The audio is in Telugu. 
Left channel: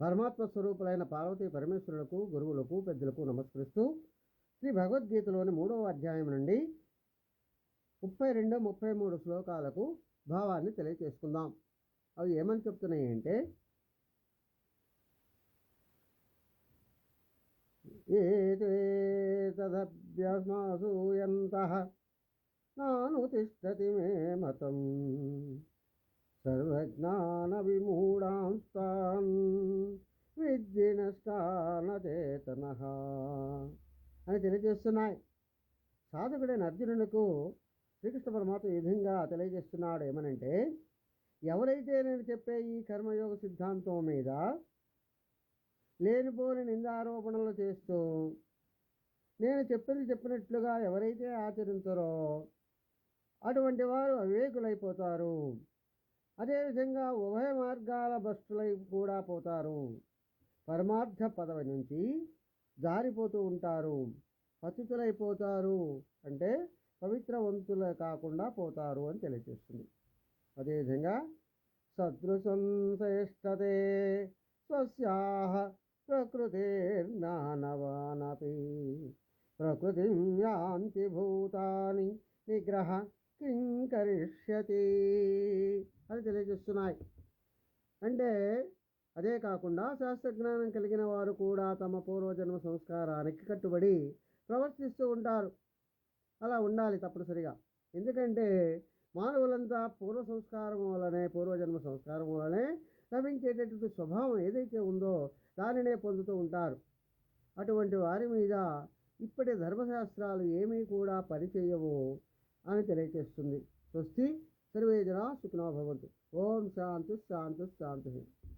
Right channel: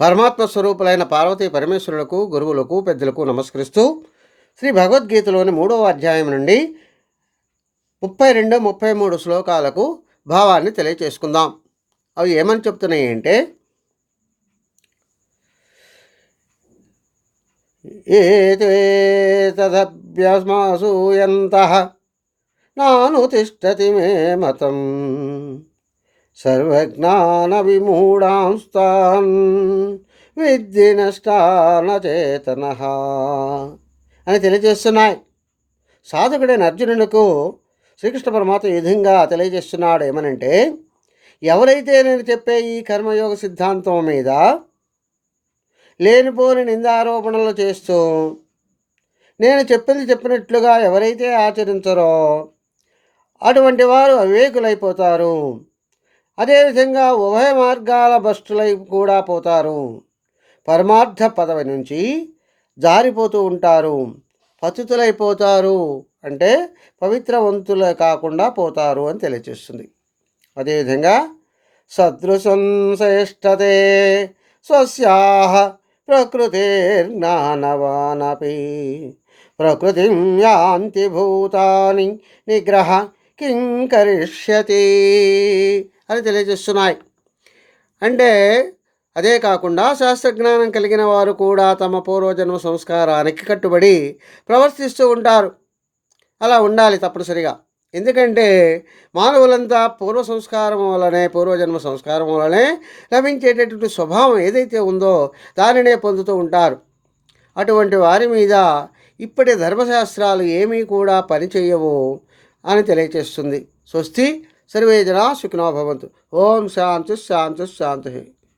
పరమాత్మ స్వరూపులైన పార్వతీ పరమేశ్వరులకు, గురువులకు, పెద్దలకు నమస్కరిస్తూ శ్రీ భగవద్గీతలోని 3వ అధ్యాయం నుండి 32, 33 శ్లోకాలకు భావాన్ని తెలియచేసుకుందాం. అవి ఏమని చెప్తున్నాయి అంటే, ఏతదభ్యసూయంతః నానుతిష్టతి మే మతం సర్వజ్ఞాన విమూఢాంస్తాన్ విద్ధి నష్టాన చేతన అని తెలియజేస్తున్నాయి. సాధకుడైన అర్జునులకు శ్రీకృష్ణ పరమాత్మ ఈ విధంగా తెలియజేస్తున్నాడు. ఏమనంటే, ఎవరైతే నేను చెప్పే ఈ కర్మయోగ సిద్ధాంతం మీద లేనిపోని నిందారోపణలు చేస్తూ నేను చెప్పినట్లుగా ఎవరైతే ఆచరించరో అటువంటి వారు అవివేకులైపోతారు. అదేవిధంగా ఉభయ మార్గాల భ్రష్టులై కూడా పోతారు. పరమార్థ పదవి నుంచి జారిపోతూ ఉంటారు. పతితులైపోతారు అంటే పవిత్రవంతులు కాకుండా పోతారు అని తెలియజేస్తుంది. అదేవిధంగా సదృశం శ్రేష్టతే స్వస్యాః ప్రకృతిర్జ్ఞానవానపి ప్రకృతిం యాంతి భూతాని నిగ్రహ కిం కరిష్యతి అని తెలియజేస్తున్నాయి. అంటే అదే కాకుండా శాస్త్రజ్ఞానం కలిగిన వారు కూడా తమ పూర్వజన్మ సంస్కారానికి కట్టుబడి ప్రవర్తిస్తూ ఉంటారు. అలా ఉండాలి తప్పనిసరిగా. ఎందుకంటే మానవులంతా పూర్వజన్మ సంస్కారం వలనే లభించేటటువంటి స్వభావం ఏదైతే ఉందో దానినే పొందుతూ ఉంటారు. అటువంటి వారి మీద ఇప్పటి ధర్మశాస్త్రాలు ఏమీ కూడా పనిచేయవు అని తెలియచేస్తుంది. స్వస్తి. సర్వే జనా సుఖినో భవంతు. ఓం శాంతి శాంతి శాంతి.